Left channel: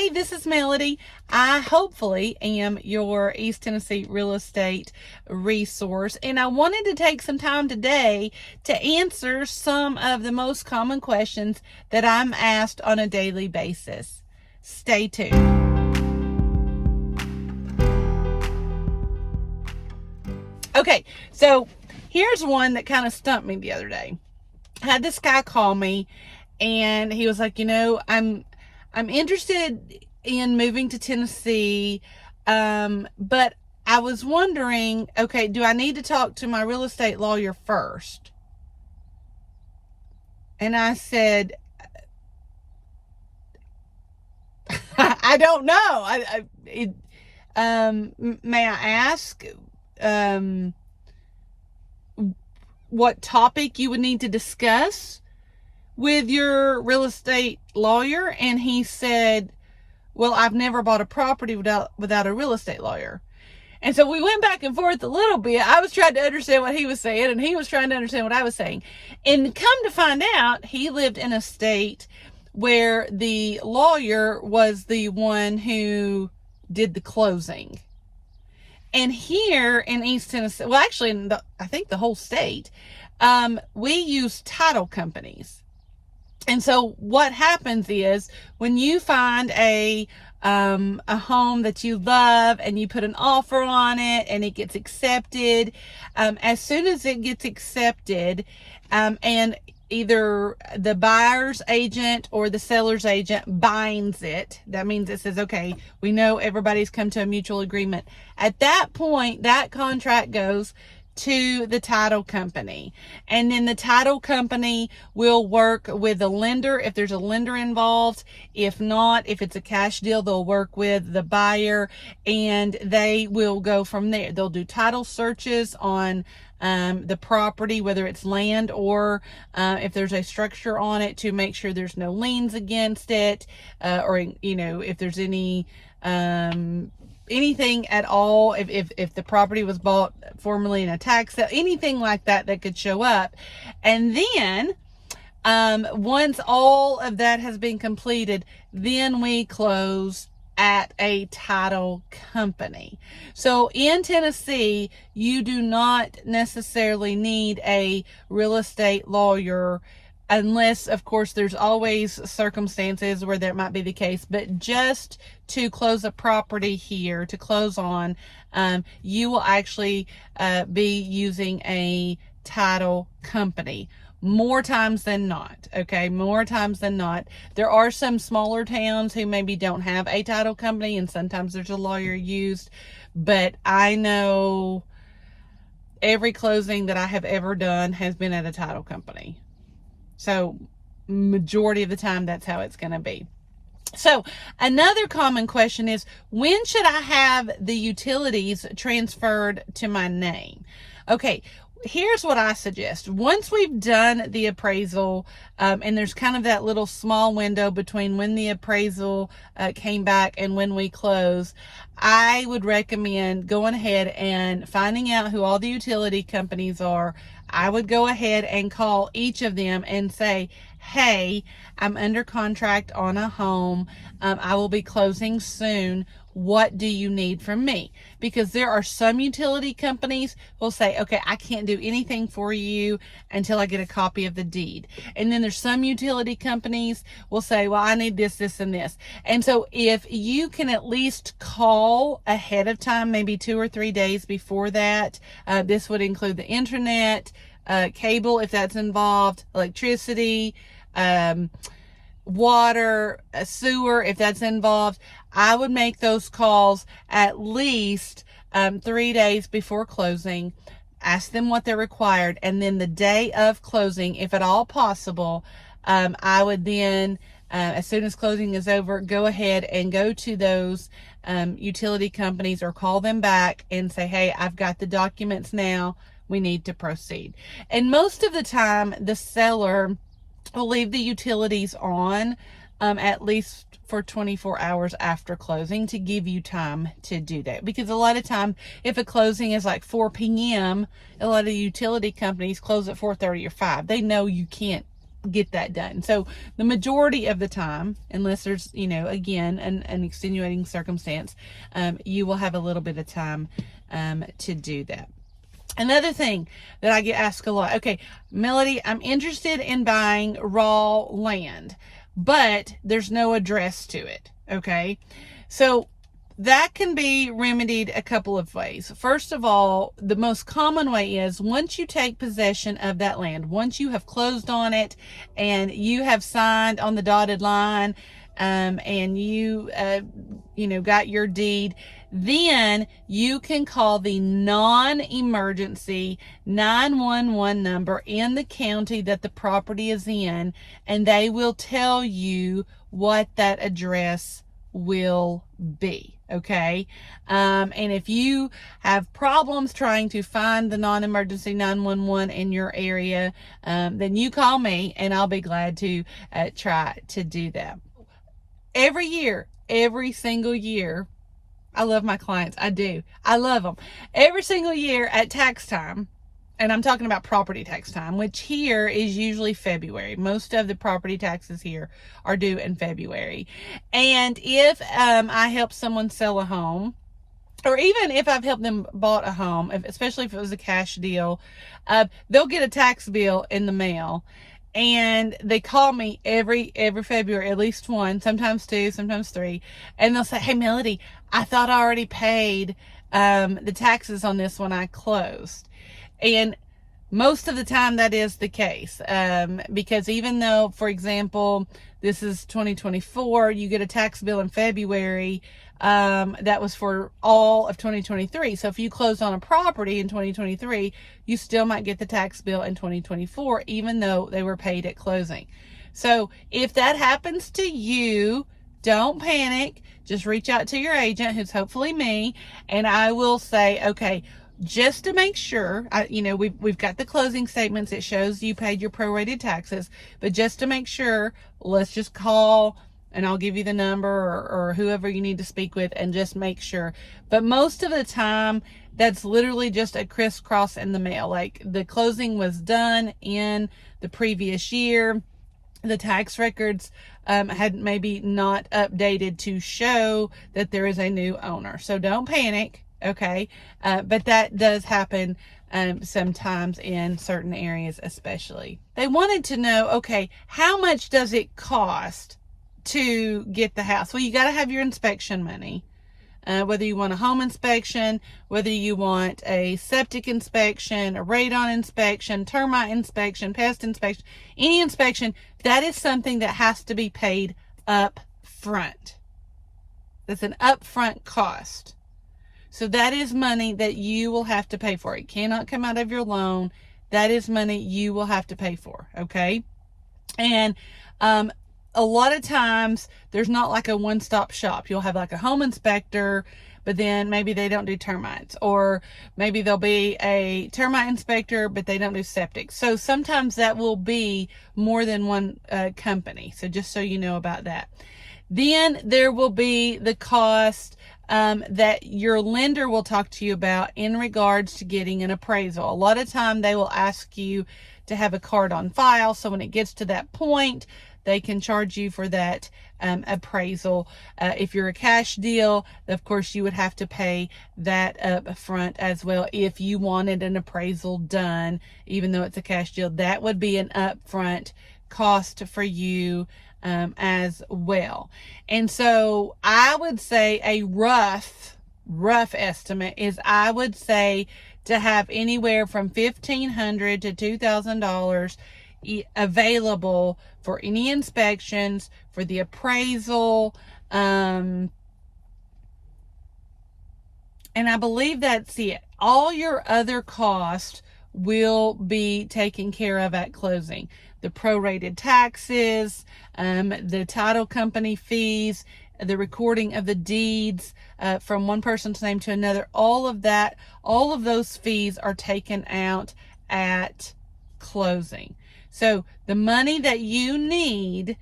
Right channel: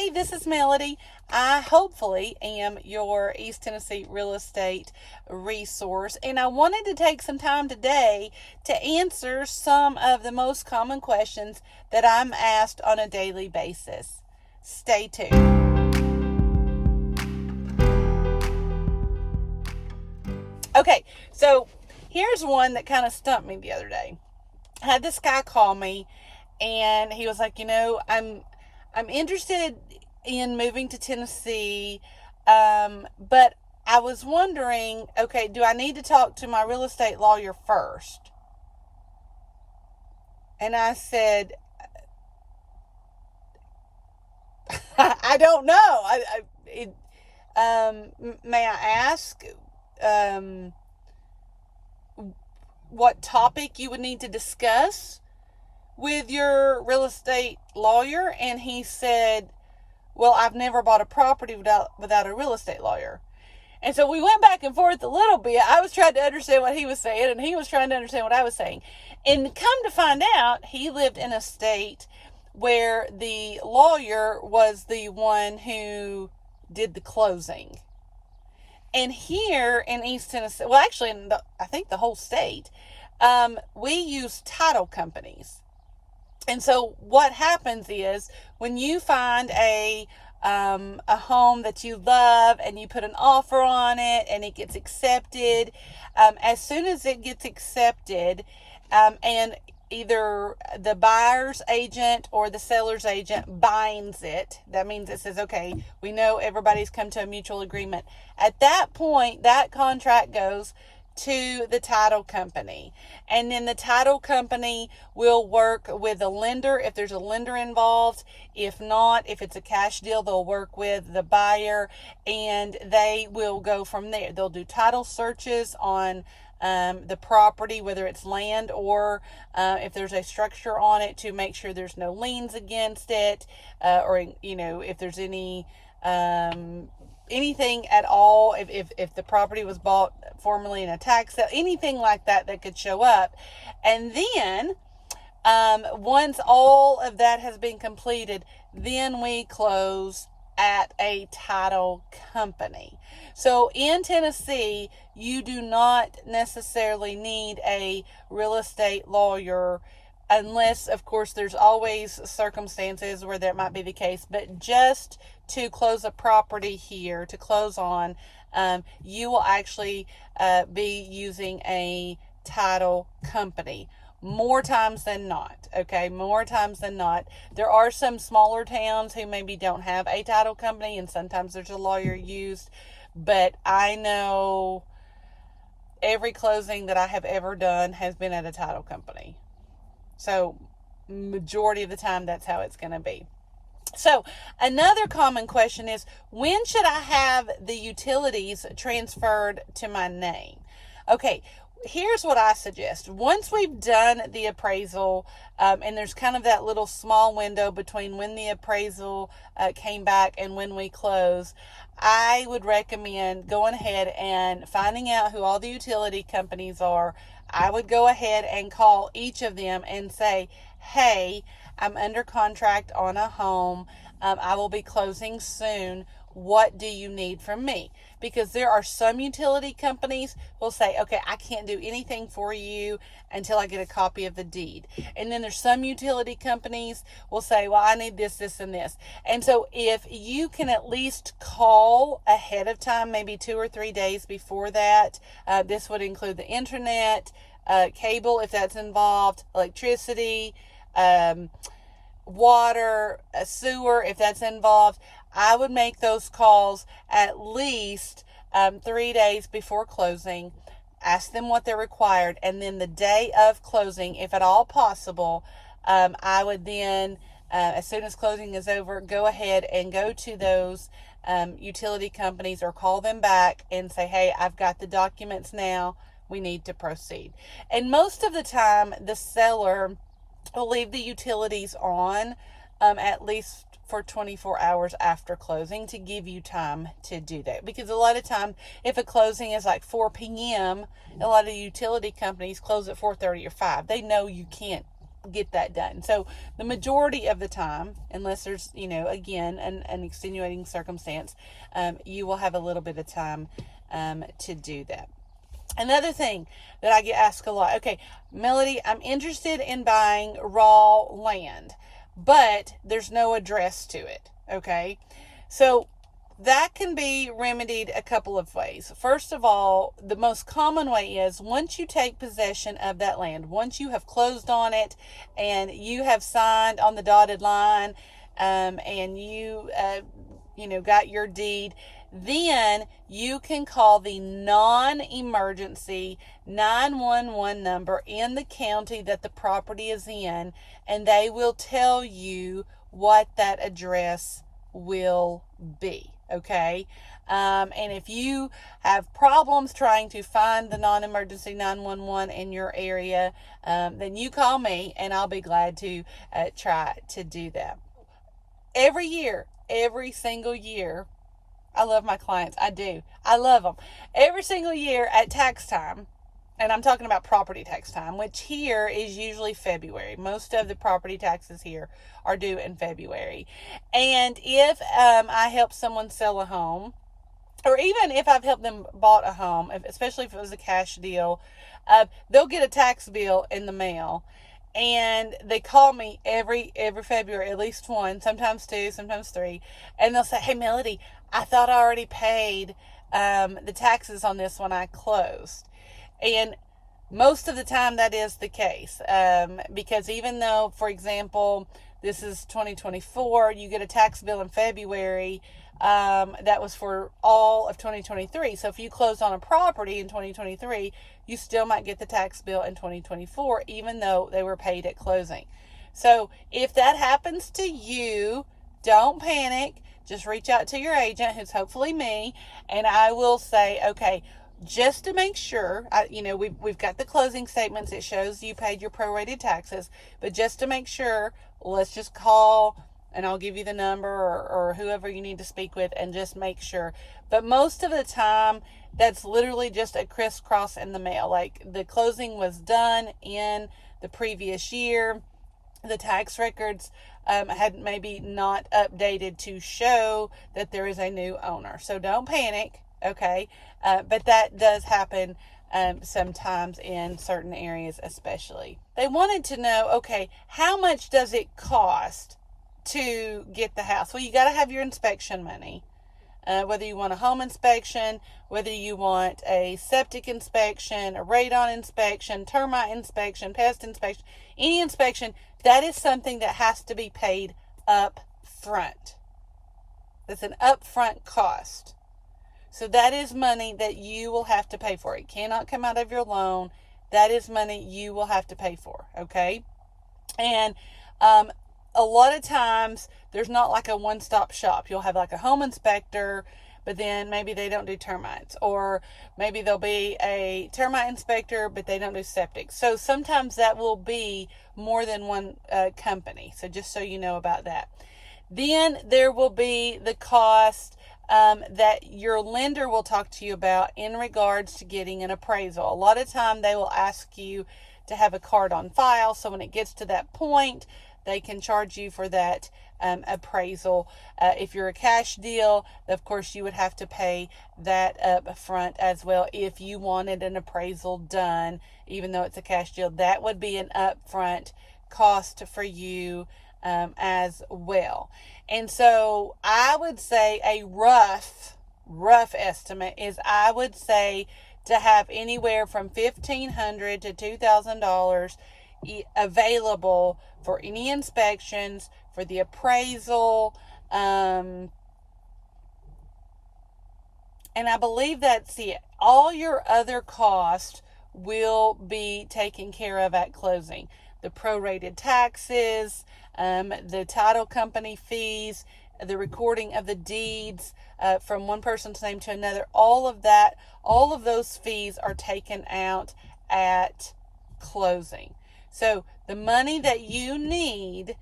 Hey, this is Melody. I hopefully am your East Tennessee real estate resource, and I wanted to take some time today to answer some of the most common questions that I'm asked on a daily basis. Stay tuned. Okay, so here's one that kind of stumped me the other day. I had this guy call me, and he was like, I'm interested in moving to Tennessee, but I was wondering, okay, do I need to talk to my real estate lawyer first? And I said, I don't know. May I ask what topic you would need to discuss with your real estate lawyer? And he said, well, I've never bought a property without a real estate lawyer. And so we went back and forth a little bit. I was trying to understand what he was saying, and he was trying to understand what I was saying. And come to find out, he lived in a state where the lawyer was the one who did the closing. And here in East Tennessee, well, actually, I think the whole state, we use title companies. And so what happens is when you find a home that you love and you put an offer on it and it gets accepted, as soon as it gets accepted, and either the buyer's agent or the seller's agent binds it, that means it says, okay, we know everybody's come to a mutual agreement. At that point, that contract goes to the title company, and then the title company will work with a lender if there's a lender involved. If not, if it's a cash deal, they'll work with the buyer, and they will go from there. They'll do title searches on the property, whether it's land or if there's a structure on it, to make sure there's no liens against it, or if there's any anything at all, if the property was bought formerly in a tax sale, anything like that could show up. And then once all of that has been completed, then we close at a title company. So in Tennessee, you do not necessarily need a real estate lawyer, unless, of course, there's always circumstances where that might be the case. But just to close a property here, to close on, you will actually be using a title company. More times than not, okay? More times than not. There are some smaller towns who maybe don't have a title company, and sometimes there's a lawyer used. But I know every closing that I have ever done has been at a title company. So majority of the time, that's how it's going to be. So another common question is, when should I have the utilities transferred to my name? Okay, here's what I suggest. Once we've done the appraisal, and there's kind of that little small window between when the appraisal came back and when we close, I would recommend going ahead and finding out who all the utility companies are. I would go ahead and call each of them and say, hey, I'm under contract on a home. I will be closing soon. What do you need from me? Because there are some utility companies who will say, okay, I can't do anything for you until I get a copy of the deed. And then there's some utility companies will say, well, I need this, this, and this. And so if you can at least call ahead of time, maybe 2 or 3 days before that, this would include the internet, cable if that's involved, electricity, water, sewer if that's involved. I would make those calls at least 3 days before closing, ask them what they're required, and then the day of closing, if at all possible, I would then, as soon as closing is over, go ahead and go to those utility companies or call them back and say, hey, I've got the documents now, we need to proceed. And most of the time, the seller will leave the utilities on at least for 24 hours after closing to give you time to do that. Because a lot of time, if a closing is like 4 p.m., a lot of the utility companies close at 4:30 or 5. They know you can't get that done. So the majority of the time, unless there's, again, an extenuating circumstance, you will have a little bit of time to do that. Another thing that I get asked a lot, okay, Melody, I'm interested in buying raw land, but there's no address to it, okay? So that can be remedied a couple of ways. First of all, the most common way is once you take possession of that land, once you have closed on it and you have signed on the dotted line, and you got your deed, then you can call the non-emergency 911 number in the county that the property is in, and they will tell you what that address will be. Okay. And if you have problems trying to find the non-emergency 911 in your area, then you call me and I'll be glad to try to do that. Every year, every single year, I love my clients. I do. I love them. Every single year at tax time, and I'm talking about property tax time, which here is usually February. Most of the property taxes here are due in February. And if I help someone sell a home, or even if I've helped them bought a home, especially if it was a cash deal, they'll get a tax bill in the mail. And they call me every February, at least one, sometimes two, sometimes three. And they'll say, hey, Melody, I thought I already paid the taxes on this when I closed. And most of the time that is the case, because even though, for example, this is 2024, you get a tax bill in February, that was for all of 2023. So if you closed on a property in 2023, you still might get the tax bill in 2024, even though they were paid at closing. So if that happens to you, don't panic. Just reach out to your agent, who's hopefully me, and I will say, okay, just to make sure, we've got the closing statements. It shows you paid your prorated taxes, but just to make sure, let's just call and I'll give you the number or whoever you need to speak with and just make sure. But most of the time, that's literally just a crisscross in the mail. Like the closing was done in the previous year. The tax records had maybe not updated to show that there is a new owner. So don't panic, okay? But that does happen sometimes in certain areas especially. They wanted to know, okay, how much does it cost to get the house? Well, you got to have your inspection money. Whether you want a home inspection, whether you want a septic inspection, a radon inspection, termite inspection, pest inspection, any inspection, that is something that has to be paid up front. That's an upfront cost. So that is money that you will have to pay for. It cannot come out of your loan. That is money you will have to pay for, okay? And a lot of times there's not like a one-stop shop. You'll have like a home inspector, but then maybe they don't do termites, or maybe there'll be a termite inspector, but they don't do septic. So sometimes that will be more than one company. So just so you know about that. Then there will be the cost that your lender will talk to you about in regards to getting an appraisal. A lot of time they will ask you to have a card on file. So when it gets to that point, they can charge you for that appraisal. If you're a cash deal, of course, you would have to pay that up front as well. If you wanted an appraisal done, even though it's a cash deal, that would be an upfront cost for you as well. And so I would say a rough estimate is, I would say, to have anywhere from $1,500 to $2,000 available for any inspections, for the appraisal, and I believe that's it. All your other costs will be taken care of at closing. The prorated taxes, the title company fees, the recording of the deeds from one person's name to another, all of that, all of those fees are taken out at closing. So the money that you need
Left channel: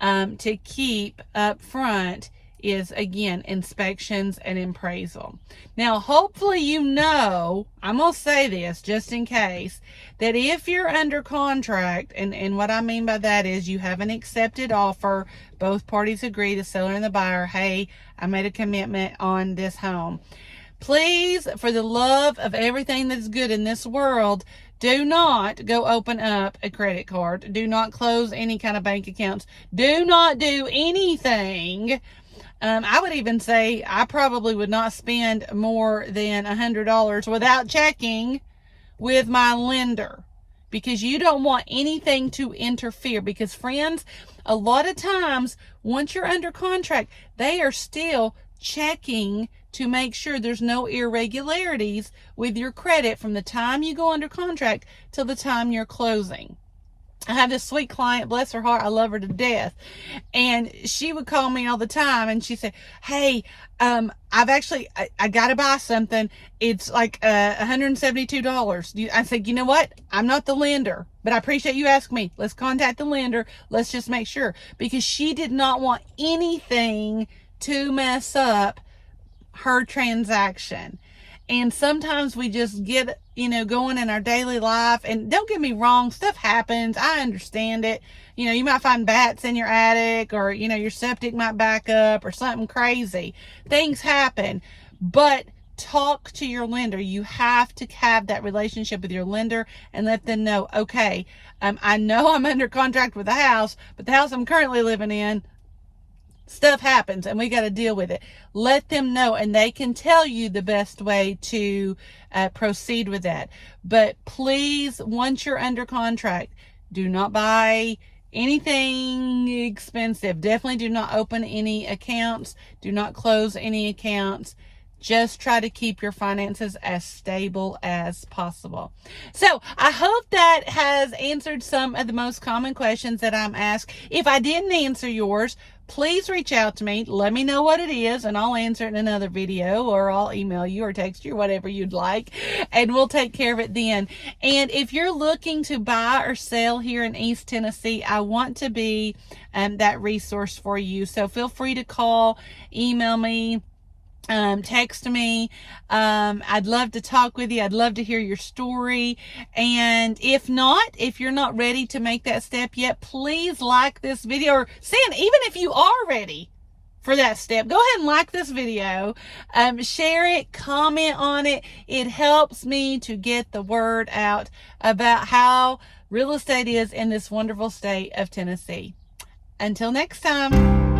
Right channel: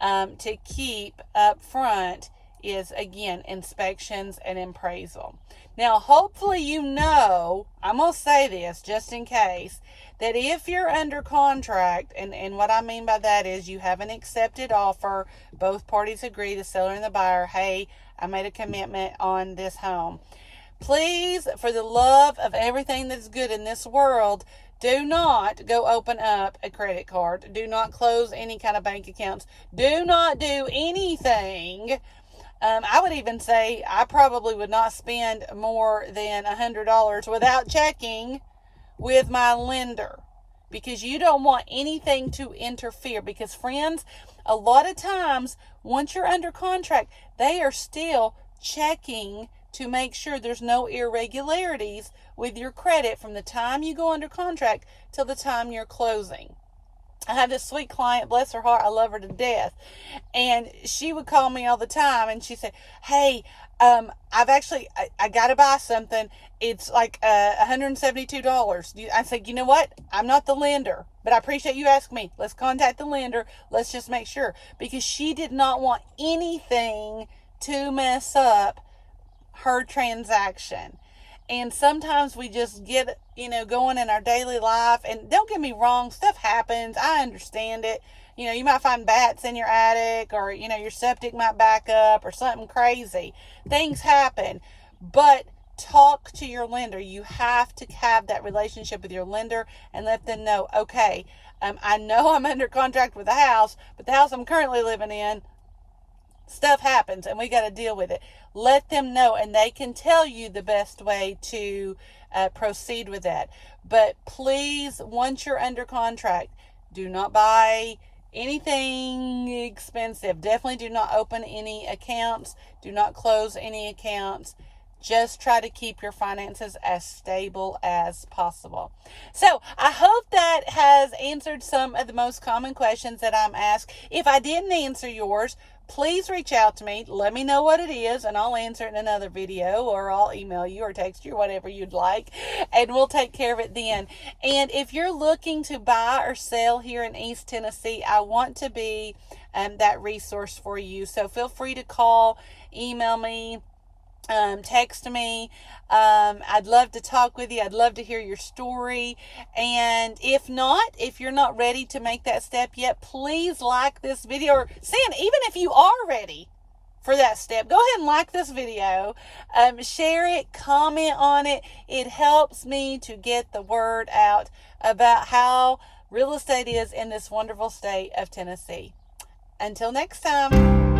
to keep up front is, again, inspections and appraisal. Now, hopefully you know, I'm going to say this just in case, that if you're under contract, and what I mean by that is you have an accepted offer, both parties agree, the seller and the buyer, hey, I made a commitment on this home. Please, for the love of everything that's good in this world, do not go open up a credit card. Do not close any kind of bank accounts. Do not do anything. I would even say I probably would not spend more than $100 without checking with my lender, because you don't want anything to interfere. Because friends, a lot of times once you're under contract, they are still checking to make sure there's no irregularities with your credit from the time you go under contract till the time you're closing. I have this sweet client, bless her heart, I love her to death, and she would call me all the time, and she said, hey, I got to buy something. It's like $172. I said, you know what? I'm not the lender, but I appreciate you asking me. Let's contact the lender. Let's just make sure, because she did not want anything to mess up her transaction. And sometimes we just get, going in our daily life, and don't get me wrong, stuff happens. I understand it. You might find bats in your attic, or, your septic might back up, or something crazy. Things happen, but talk to your lender. You have to have that relationship with your lender and let them know, okay, I know I'm under contract with the house, but the house I'm currently living in, stuff happens and we got to deal with it. Let them know, and they can tell you the best way to proceed with that. But please, once you're under contract, do not buy anything expensive. Definitely do not open any accounts. Do not close any accounts. Just try to keep your finances as stable as possible. So I hope that has answered some of the most common questions that I'm asked. If I didn't answer yours, please reach out to me. Let me know what it is, and I'll answer it in another video, or I'll email you or text you, whatever you'd like, and we'll take care of it then. And if you're looking to buy or sell here in East Tennessee, I want to be that resource for you. So feel free to call, email me, text me. I'd love to talk with you. I'd love to hear your story. And if you're not ready to make that step yet, please like this video, or even if you are ready for that step, go ahead and like this video, share it, comment on it. It helps me to get the word out about how real estate is in this wonderful state of Tennessee. Until next time.